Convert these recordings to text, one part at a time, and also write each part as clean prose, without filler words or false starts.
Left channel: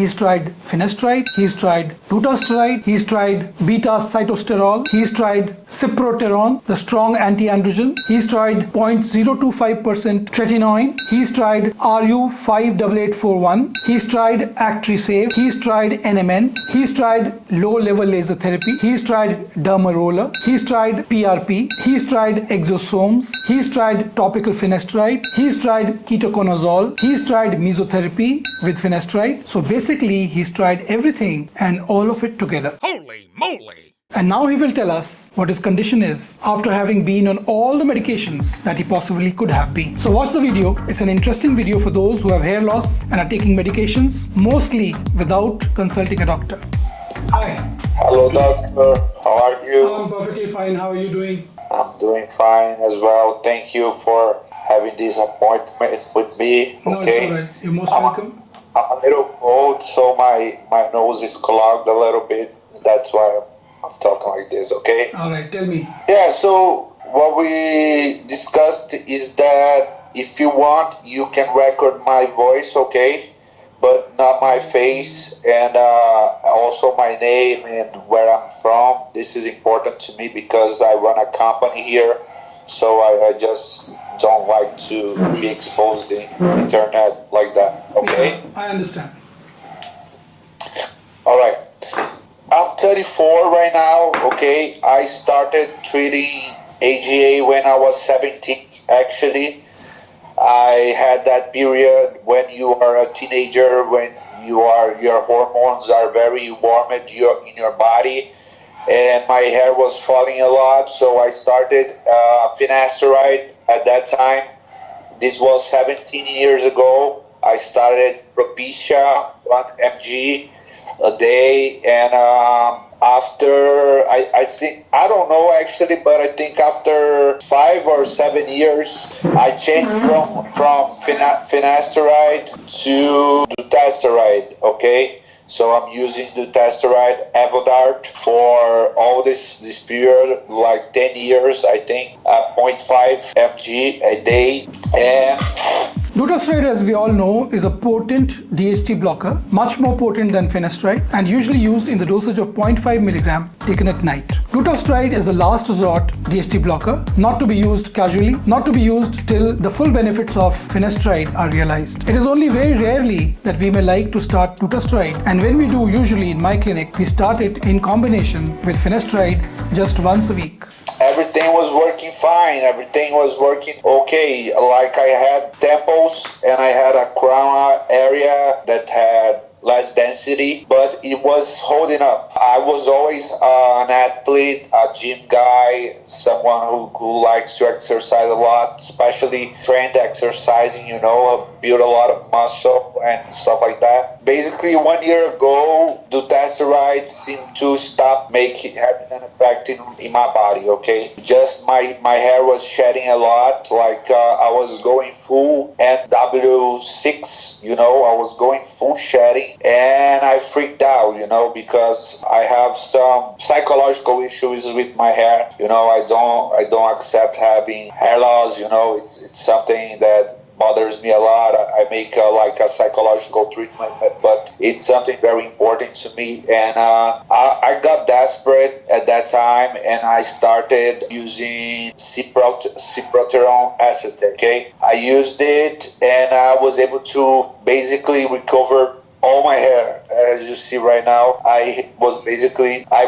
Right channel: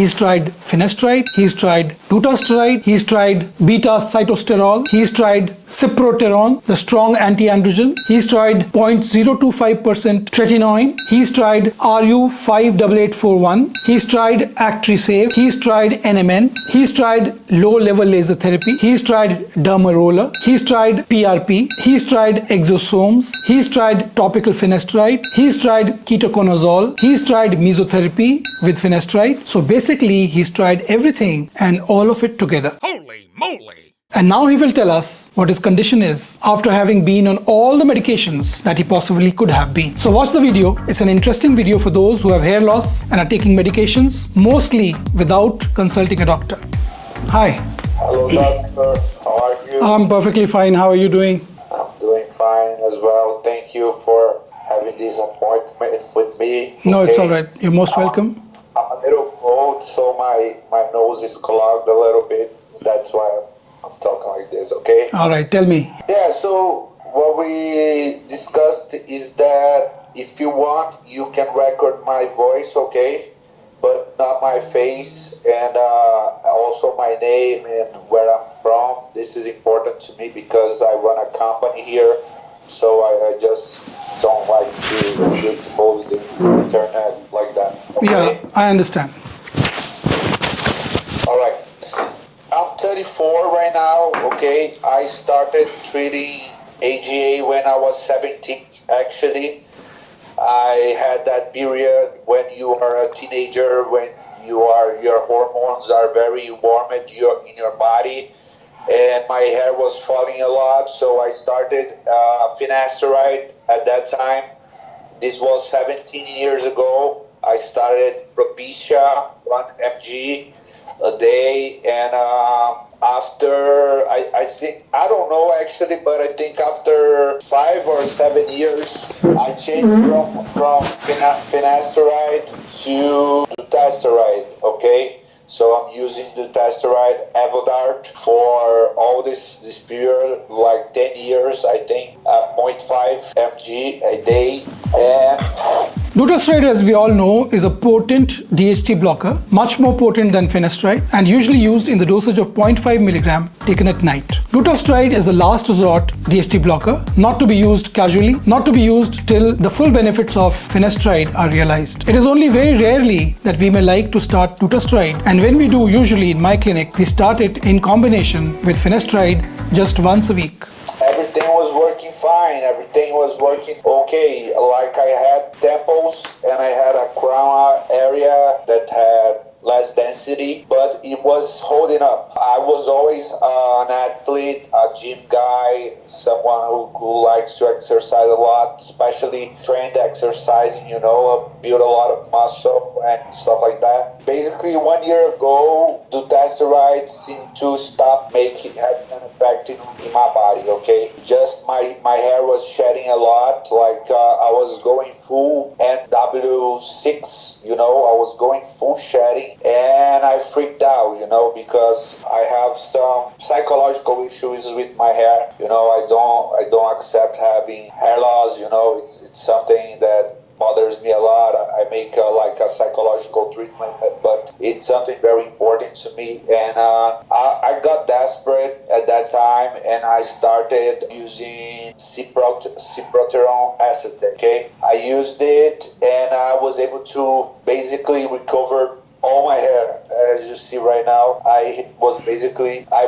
He's tried finasteride, he's tried dutasteride, he's tried beta-cytosterol, he's tried cyproterone, the strong anti-androgen, he's tried 0.025% tretinoin, he's tried RU58841, he's tried Actrisave, he's tried NMN, he's tried low-level laser therapy, he's tried dermaroller, he's tried PRP, he's tried exosomes, he's tried topical finasteride, he's tried ketoconazole, he's tried mesotherapy with finasteride. So basically, he's tried everything and all of it together. Holy moly! And now he will tell us what his condition is after having been on all the medications that he possibly could have been. So watch the video. It's an interesting video for those who have hair loss and are taking medications, mostly without consulting a doctor. Hi. Hello, doctor. How are you? I'm perfectly fine. How are you doing? I'm doing fine as well. Thank you for having this appointment with me. No, okay? it's all right. You're most welcome. I'm a little cold, so my nose is clogged a little bit. That's why I'm talking like this, okay? All right, tell me. Yeah, so what we discussed is that if you want, you can record my voice, okay? But not my face and also my name and where I'm from. This is important to me because I run a company here, so I just don't like to be exposed in the internet like that. Okay? Yeah, I understand. All right. I'm 34 right now, okay? I started treating AGA when I was 17, actually. I had that period when you are a teenager, when your hormones are very warm in your body, and my hair was falling a lot, so I started finasteride at that time. This was 17 years ago. I started Alopecia, 1 mg a day, and after I don't know actually, but I think after 5 or 7 years, I changed from finasteride to dutasteride. Okay, so I'm using dutasteride Avodart for all this period, like 10 years, I think, 0.5 mg a day, and Dutasteride, as we all know, is a potent DHT blocker, much more potent than finasteride, and usually used in the dosage of 0.5 milligram taken at night. Dutasteride is a last resort DHT blocker, not to be used casually, not to be used till the full benefits of finasteride are realized. It is only very rarely that we may like to start dutasteride, and when we do, usually in my clinic, we start it in combination with finasteride just once a week. Everything was working fine. Everything was working okay. Like I had temples and I had a crown area that had less density, but it was holding up. I was always an athlete, a gym guy, someone who likes to exercise a lot, especially trained exercising, build a lot of muscle and stuff like that. Basically, 1 year ago, dutasteride seemed to stop having an effect in my body, okay? Just my hair was shedding a lot, like I was going full NW6, I was going full shedding, and I freaked out, because I have some psychological issues with my hair. I don't accept having hair loss, it's something that bothers me a lot. I make like a psychological treatment, but it's something very important to me. And I got desperate at that time, and I started using cyproterone acetate. Okay, I used it, and I was able to basically recover all my hair. As you see right now, I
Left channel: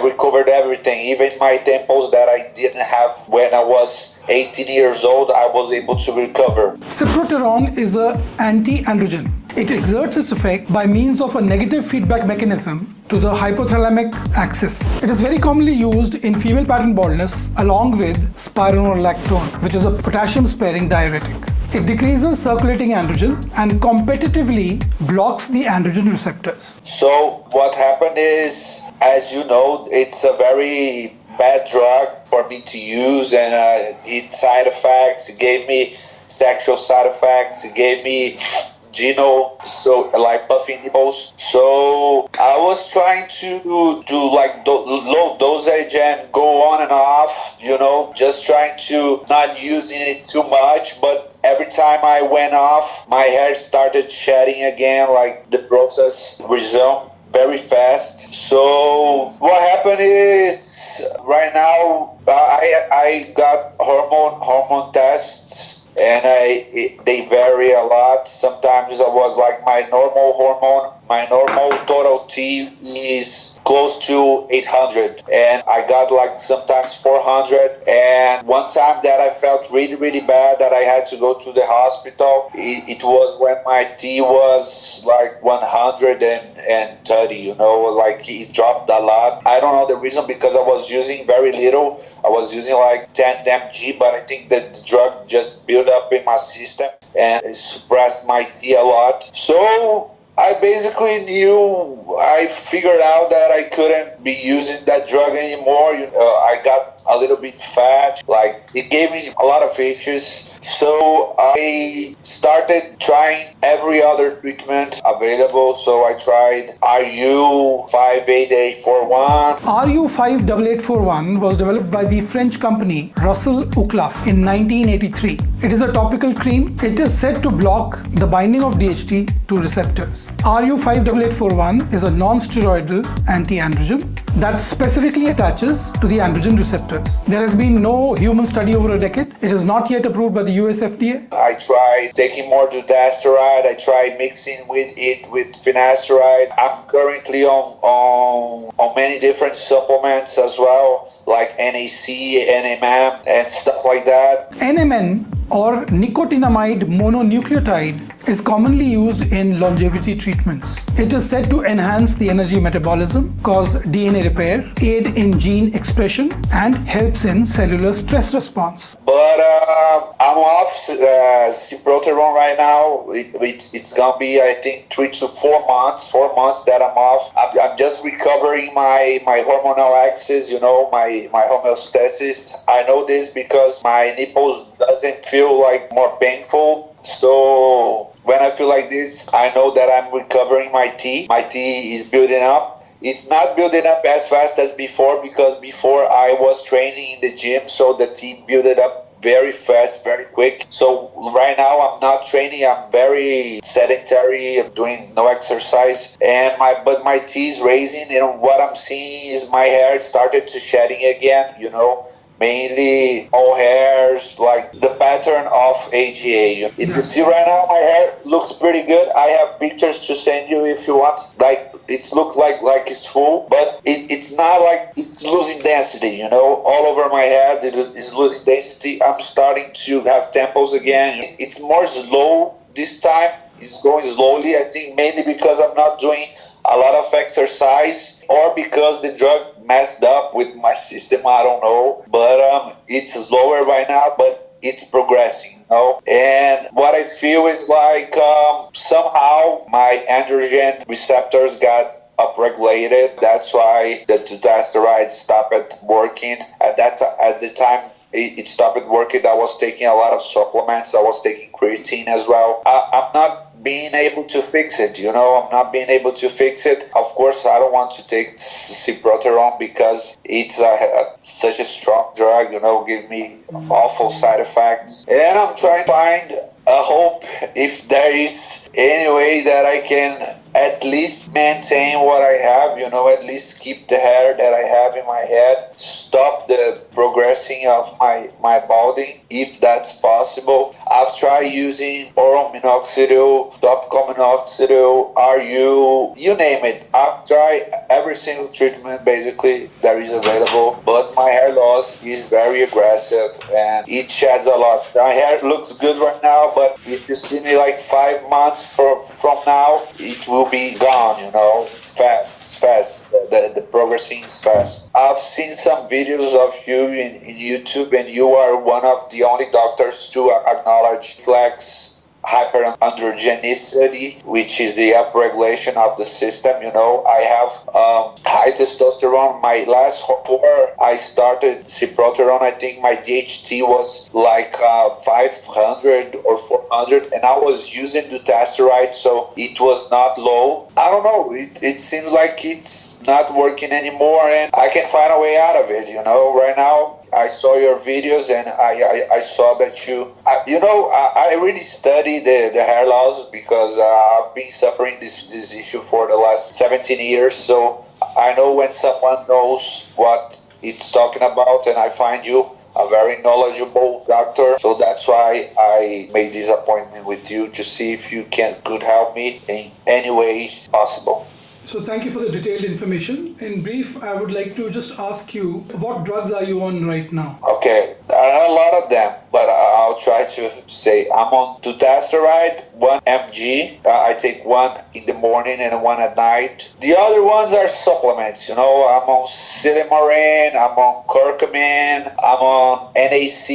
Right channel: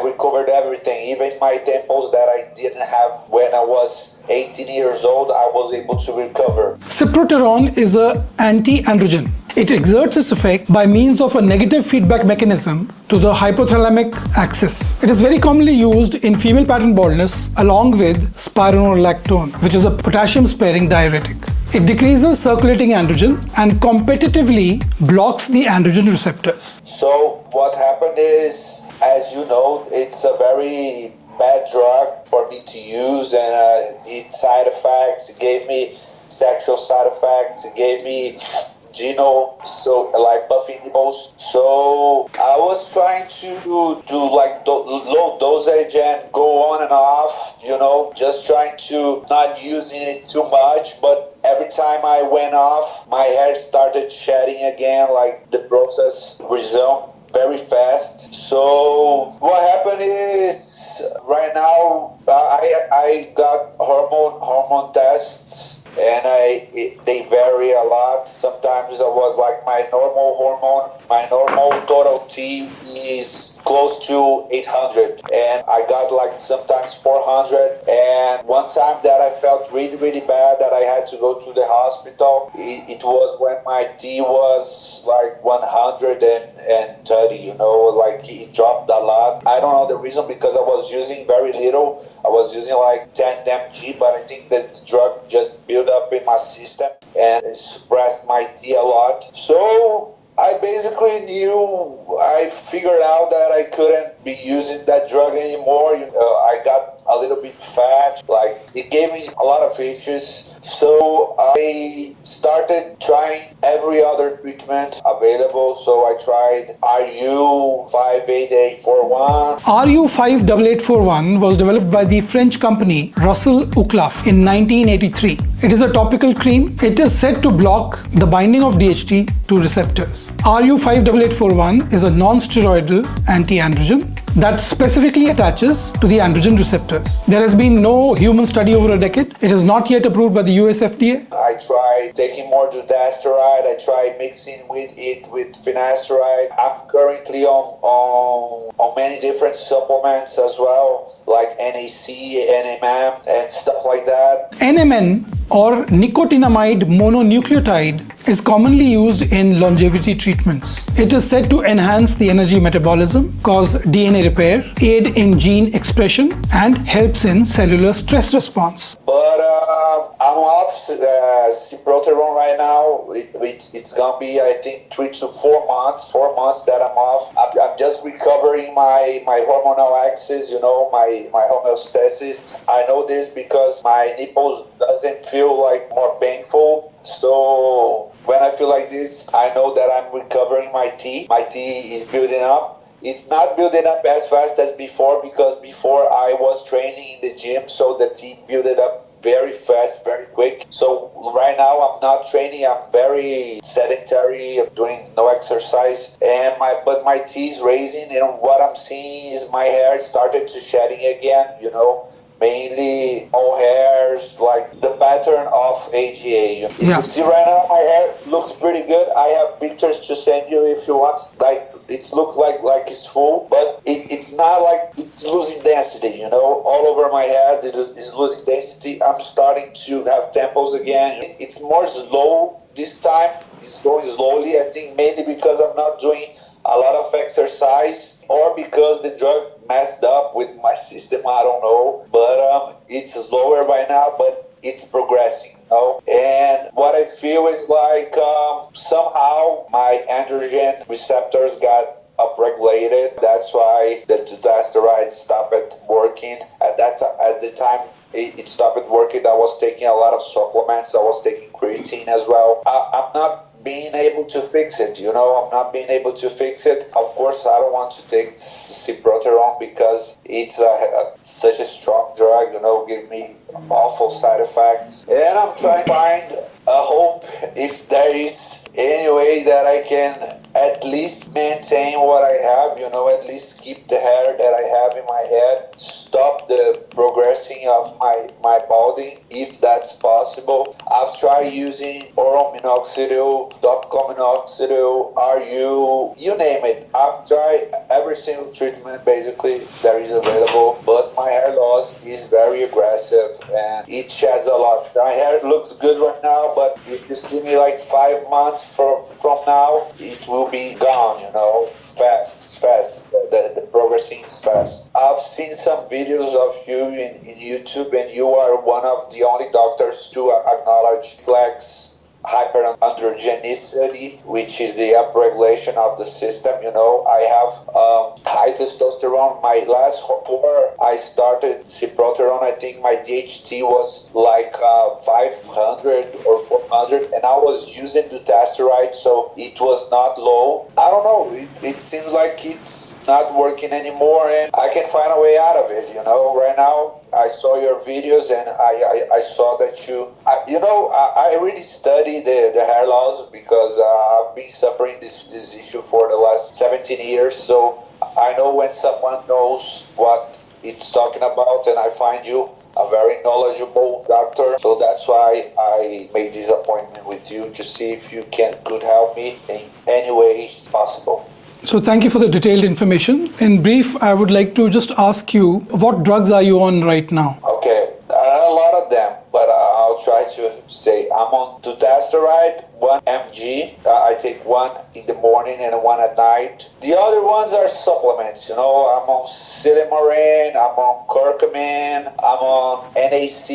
recovered everything, even my temples that I didn't have when I was 18 years old, I was able to recover. Cyproterone is an anti-androgen. It exerts its effect by means of a negative feedback mechanism to the hypothalamic axis. It is very commonly used in female pattern baldness along with spironolactone, which is a potassium-sparing diuretic. It decreases circulating androgen and competitively blocks the androgen receptors. So what happened is, as you know, it's a very bad drug for me to use, and its side effects, it gave me sexual side effects, it gave me Gino, so like puffy nipples. So I was trying to do like low dosage and go on and off, just trying to not using it too much, but every time I went off, my hair started shedding again, like the process resumed very fast. So what happened is right now I got hormone tests, and they vary a lot. Sometimes I was like my normal total T is close to 800, and I got like sometimes 400. And one time that I felt really, really bad that I had to go to the hospital, it was when my T was like 130, like it dropped a lot. I don't know the reason, because I was using very little. I was using like 10 mg, but I think that the drug just built up in my system and it suppressed my T a lot. So I basically I figured out that I couldn't be using that drug anymore. I got a little bit fat, like it gave me a lot of issues. So I started trying every other treatment available. So I tried RU58841. RU58841 was developed by the French company Russell Uclaf in 1983. It is a topical cream. It is said to block the binding of DHT to receptors. RU58841 is a non-steroidal anti-androgen that specifically attaches to the androgen receptors. There has been no human study over a decade. It is not yet approved by the US FDA. I tried taking more dutasteride. I tried mixing with finasteride. I'm currently on many different supplements as well, like NAC, NMN, and stuff like that. NMN, or nicotinamide mononucleotide, is commonly used in longevity treatments. It is said to enhance the energy metabolism, cause DNA repair, aid in gene expression, and helps in cellular stress response. But I'm off ciproterone right now. It's gonna be, I think, 3 to 4 months. 4 months that I'm off. I'm just recovering my hormonal axis, my homeostasis. I know this because my nipples doesn't feel like more painful. So when I feel like this, I know that I'm recovering my T. My T is building up. It's not building up as fast as before, because before I was training in the gym, so the T built up very fast, very quick. So right now I'm not training. I'm very sedentary. I'm doing no exercise, but my T is raising, and what I'm seeing is my hair started to shedding again. Mainly all hairs, like the pattern of AGA. You can see right now my hair looks pretty good. I have pictures to send you if you want. Like it's look like it's full, but it's not like it's losing density. All over my head it is losing density. I'm starting to have temples again. It's more slow this time. It's going slowly. I think mainly because I'm not doing a lot of exercise, or because the drug messed up with my system, I don't know. But it's slower right now, but it's progressing, And what I feel is like somehow my androgen receptors got upregulated. That's why the dutasteride stopped working. At the time it stopped working, I was taking a lot of supplements. I was taking creatine as well. I'm not being able to fix it, I'm not being able to fix it. Of course, I don't want to take ciproterone because it's such a strong drug, give me awful side effects. And I'm trying to find a hope if there is any way that I can at least maintain what I have, at least keep the hair that I have in my head, stop the progressing of my balding, if that's possible. I've tried using oral minoxidil, topical minoxidil, you name it. I've tried every single treatment basically that is available, but my hair loss is very aggressive and it sheds a lot. My hair looks good right now, but if you see me like 5 months from now, it will be gone, It's fast. The progressing is fast. I've seen some videos of you in YouTube, and you are one of the only doctors to acknowledge Reflex hyperandrogenicity, which is the upregulation of the system. I have high testosterone. My last before I started cyproterone, I think my DHT was like 500 or 400, and I was using dutasteride, so it was not low. I don't know. It seems like it's not working anymore, and I can find a way out of it. Right now. I saw your videos and I saw that I really study the hair loss because I've been suffering this issue for the last 17 years. So I know when someone knows what it's talking about, and I find you a very knowledgeable doctor. So that's why I made this appointment with you to see if you could help me in any way possible. So thank you for the detailed information. In brief, I would like to just ask you, what drugs are you on right now? Okay, there are a lot of them, but I'll try to say I'm on dutasteride, 1 mg. I take one in the morning and one at night. The other ones are supplements. I'm on silymarin, I'm on curcumin, I'm on NAC,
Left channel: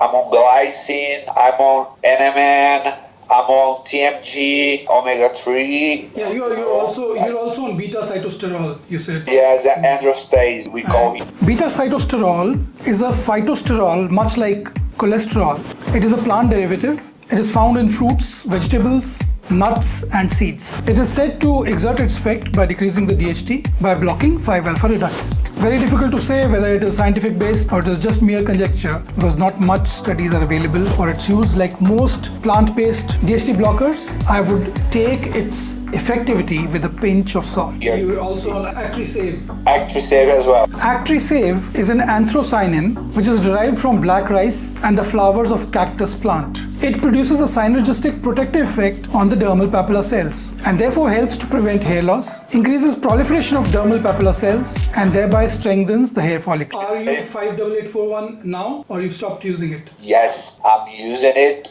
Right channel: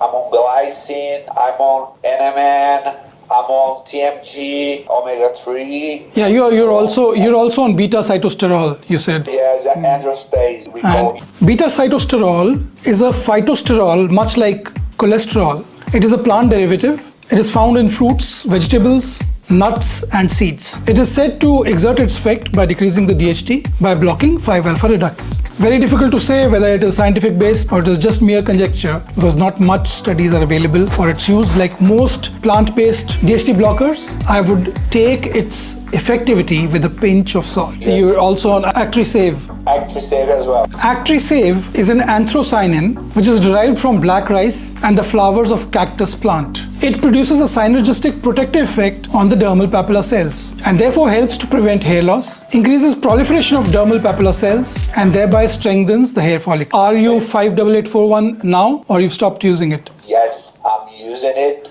I'm on glycine, I'm on NMN. I'm on TMG, omega-3. Yeah, you're also on beta cytosterol, you said. Yes, androstenedione, we call it. Beta cytosterol is a phytosterol, much like cholesterol. It is a plant derivative. It is found in fruits, vegetables, nuts and seeds. It is said to exert its effect by decreasing the DHT by blocking 5-alpha reductase. Very difficult to say whether it is scientific based or it is just mere conjecture, because not much studies are available for its use. Like most plant-based DHT blockers, I would take its effectivity with a pinch of salt. You're also on Actrisave. Actrisave as well. Actrisave is an anthocyanin which is derived from black rice and the flowers of cactus plant. It produces a synergistic protective effect on the dermal papilla cells and therefore helps to prevent hair loss, increases proliferation of dermal papilla cells, and thereby strengthens the hair follicle. Are you 58841 now, or you've stopped using it? Yes, I'm using it.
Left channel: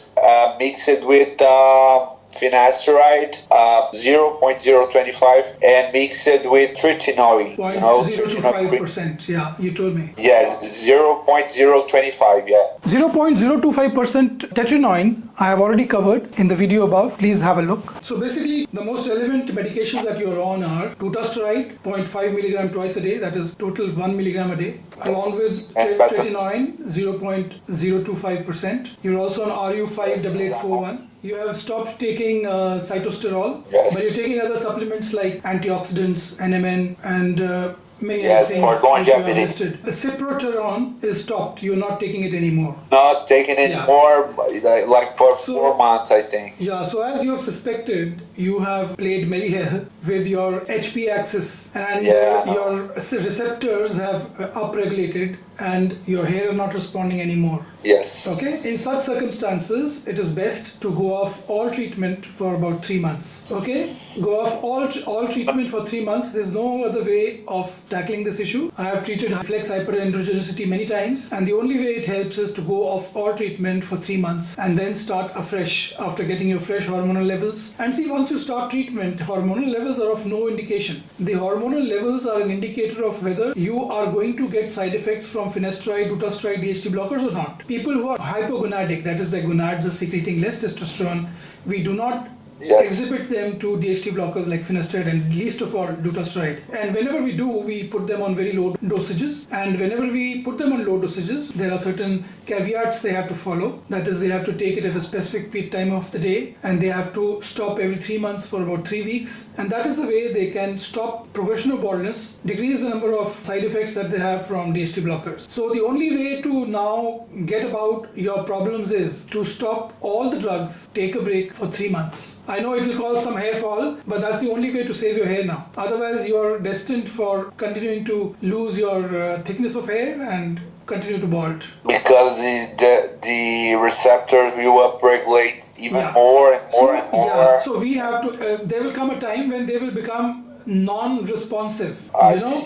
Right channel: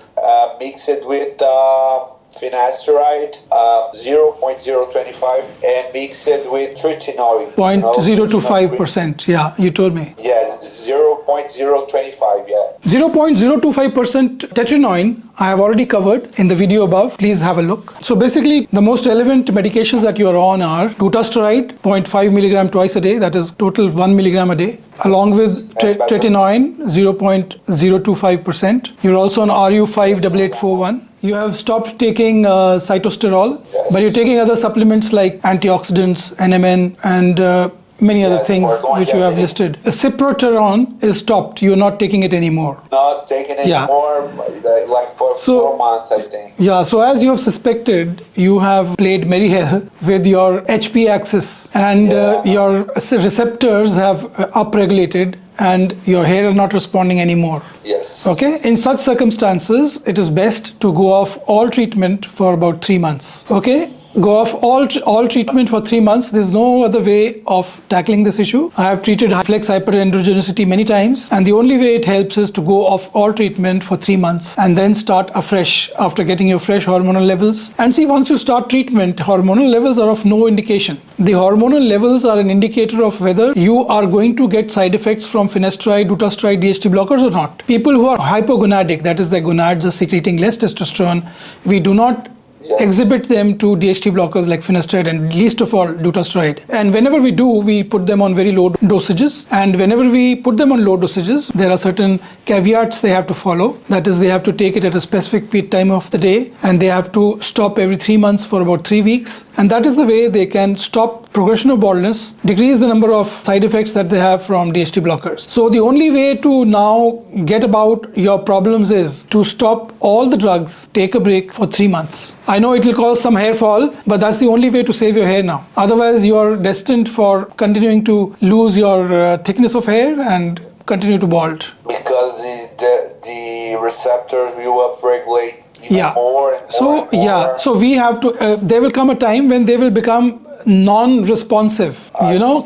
Mix it with finasteride 0.025 and mix it with tretinoin. 0.025%, yeah, you told me. Yes, 0.025, yeah. 0.025% tetraenoin I have already covered in the video above. Please have a look. So basically, the most relevant medications that you are on are dutasteride, 0.5 milligram twice a day, that is total 1 milligram a day, along with tretinoin, 0.025%. You're also on RU58841. You have stopped taking cytosterol, yes, but you're taking other supplements like antioxidants, NMN, and many other things which you have listed. Cyproterone is stopped. You're not taking it anymore. Not taking it anymore, like for 4 months, I think. Yeah, so as you have suspected, you have played very well with your HP axis, and your receptors have upregulated and your hair are not responding anymore. Yes. Okay, in such circumstances, it is best to go off all treatment for about 3 months. Okay, go off all treatment for 3 months. There's no other way of tackling this issue. I have treated Reflex Hyperandrogenicity many times, and the only way it helps is to go off all treatment for 3 months and then start afresh after getting your fresh hormonal levels. And see, once you start treatment, hormonal levels are of no indication. The hormonal levels are an indicator of whether you are going to get side effects from finasteride, dutasteride, DHT blockers or not. People who are hypogonadic, that is, their gonads are secreting less testosterone, we do not exhibit them to DHT blockers like finasteride and least of all dutasteride. And whenever we do, we put them on very low dosages. And whenever we put them on low dosages, there are certain caveats they have to follow. That is, they have to take it at a specific time of the day, and they have to stop every 3 months for about 3 weeks. And that is the way they can stop progression of baldness, decrease the number of side effects that they have from DHT blockers. So the only way to now get about your problems is to stop all the drugs, take a break for 3 months. I know it will cause some hair fall, but that's the only way to save your hair now. Otherwise, you're destined for continuing to lose your thickness of hair and continue to bald. Because the receptors will upregulate even more and more and more. Yeah, so we have to, there will come a time when they will become non-responsive,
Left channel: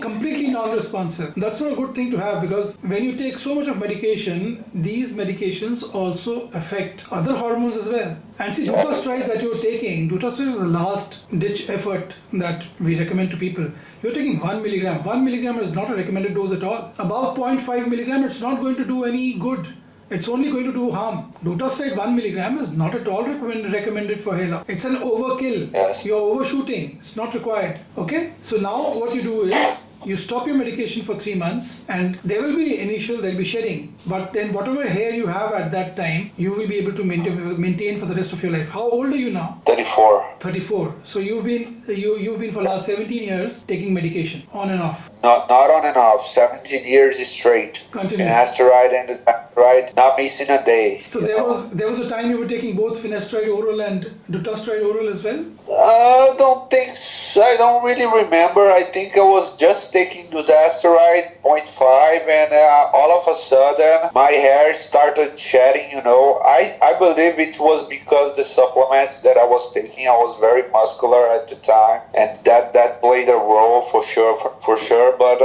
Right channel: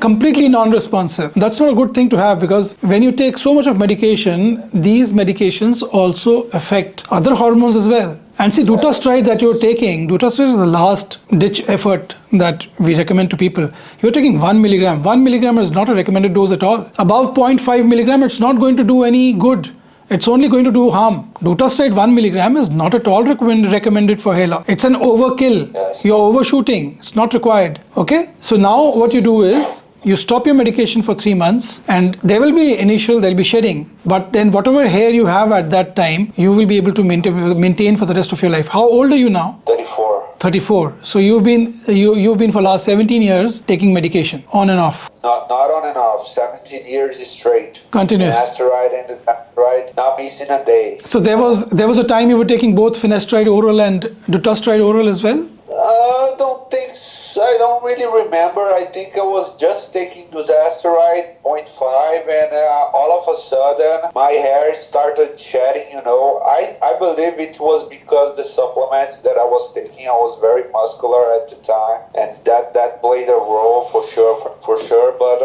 completely non-responsive. That's not a good thing to have, because when you take so much of medication, these medications also affect other hormones as well. And see, dutasteride that you're taking, dutasteride is the last ditch effort that we recommend to people. You're taking 1 milligram. 1 milligram is not a recommended dose at all. Above 0.5 milligram, it's not going to do any good. It's only going to do harm. Dutasteride 1 milligram is not at all recommended for hair loss. It's an overkill. Yes. You're overshooting. It's not required. Okay? So now what you do is, you stop your medication for 3 months, and there will be there'll be shedding, but then whatever hair you have at that time, you will be able to maintain for the rest of your life. How old are you now? 34. 34. So you've been for last 17 years taking medication on and off. Not on and off. 17 years straight. Continuous. Finasteride and dutasteride, not missing a day. So there was a time you were taking both finasteride oral and dutasteride oral as well? I don't think so. I don't really remember. I think I was just taking dutasteride 0.5, and all of a sudden my hair started shedding. I believe it was because the supplements that I was taking, I was very muscular at the time, and that played a role for sure. But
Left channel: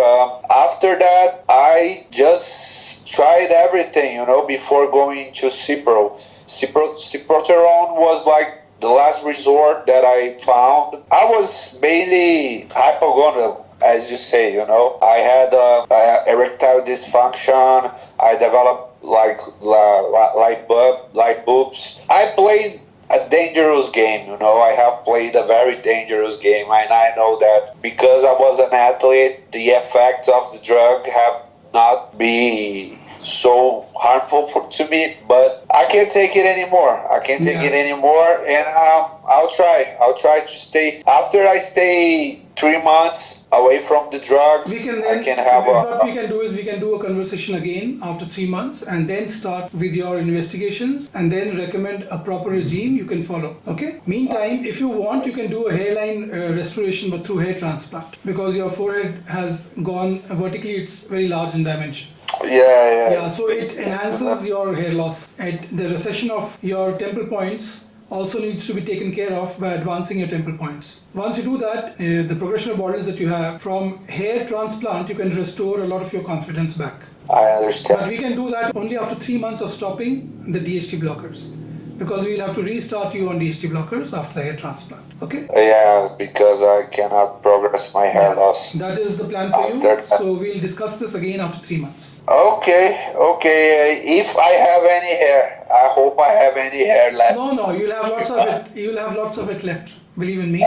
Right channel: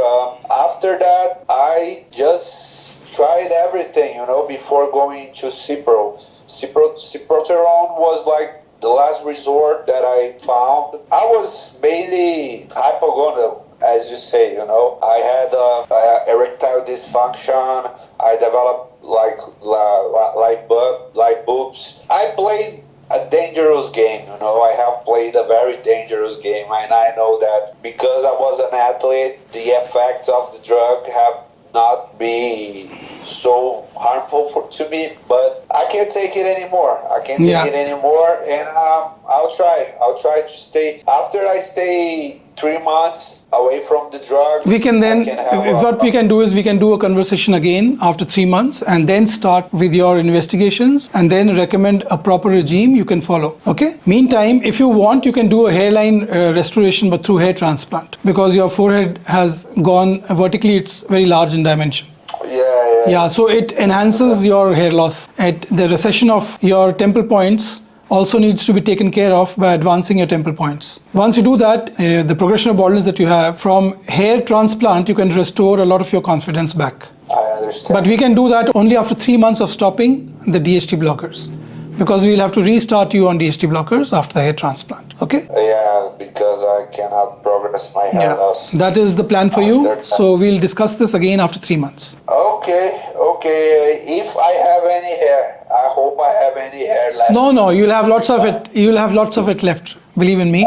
after that, I just tried everything, before going to Cipro. Ciproterone was like the last resort that I found. I was mainly hypogonadal, as you say, I had erectile dysfunction. I developed like boobs. I played a dangerous game, I have played a very dangerous game, and I know that because I was an athlete, the effects of the drug have not been so harmful to me, but I can't take it anymore. And I'll try to stay. After I stay 3 months away from the drugs, we can do a conversation again after 3 months, and then start with your investigations, and then recommend a proper regime you can follow. Okay? Meantime, if you want, you can do a hairline restoration, but through hair transplant, because your forehead has gone vertically. It's very large in dimension. Yeah, so it enhances your hair loss. The recession of your temple points also needs to be taken care of by advancing your temple points. Once you do that, the progression of baldness that you have from hair transplant, you can restore a lot of your confidence back. I understand. But we can do that only after 3 months of stopping the DHT blockers, because we'll have to restart you on DHT blockers after the hair transplant. Okay? Yeah, because I cannot progress my hair loss. That is the plan for you. So we'll discuss this again after 3 months. Okay. If I have any hair, I hope I have any hair left. No, you'll have lots of it. You'll have lots of it left. Believe in me.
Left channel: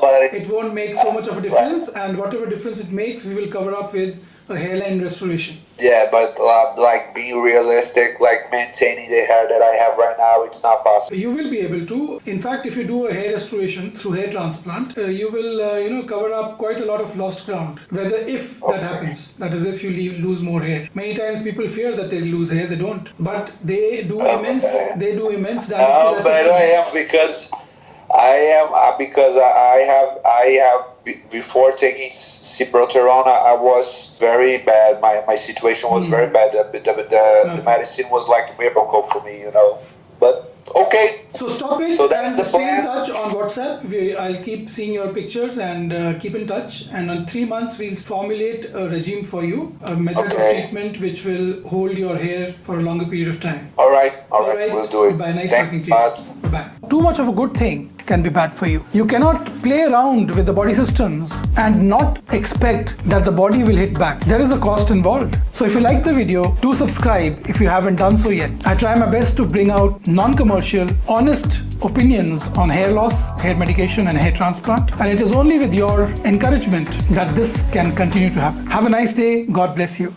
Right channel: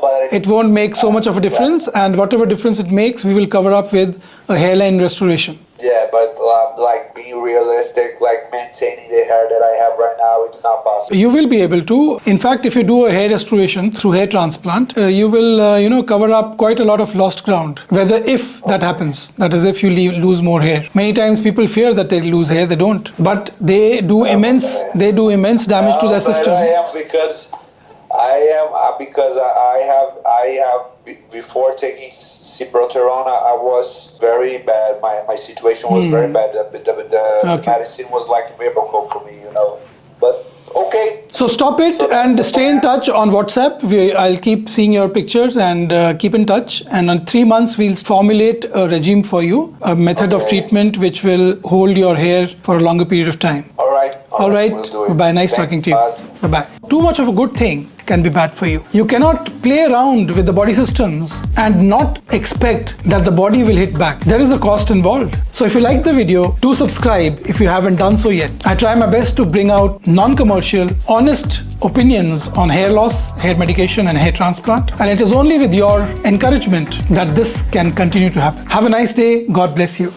But it won't make so much of a difference, and whatever difference it makes, we will cover up with a hairline restoration. Yeah, but like being realistic, like maintaining the hair that I have right now, it's not possible. You will be able to. In fact, if you do a hair restoration through hair transplant, you will, cover up quite a lot of lost ground. If that happens, that is, if you lose more hair. Many times people fear that they lose hair. They don't, but they do immense damage to the system. I have before taking Ciproterone, I was very bad. My situation was very bad. The medicine was like a miracle for me, But okay. So stop it and stay in touch on WhatsApp. I'll keep seeing your pictures and keep in touch. And in 3 months, we'll formulate a regime for you, a method of treatment which will hold your hair for a longer period of time. All right. We'll do it. Bye. Nice talking to you. Bye-bye. Too much of a good thing can be bad for you. You cannot play around with the body systems and not expect that the body will hit back. There is a cost involved. So if you like the video, do subscribe if you haven't done so yet. I try my best to bring out non-commercial, honest opinions on hair loss, hair medication, and hair transplant. And it is only with your encouragement that this can continue to happen. Have a nice day. God bless you.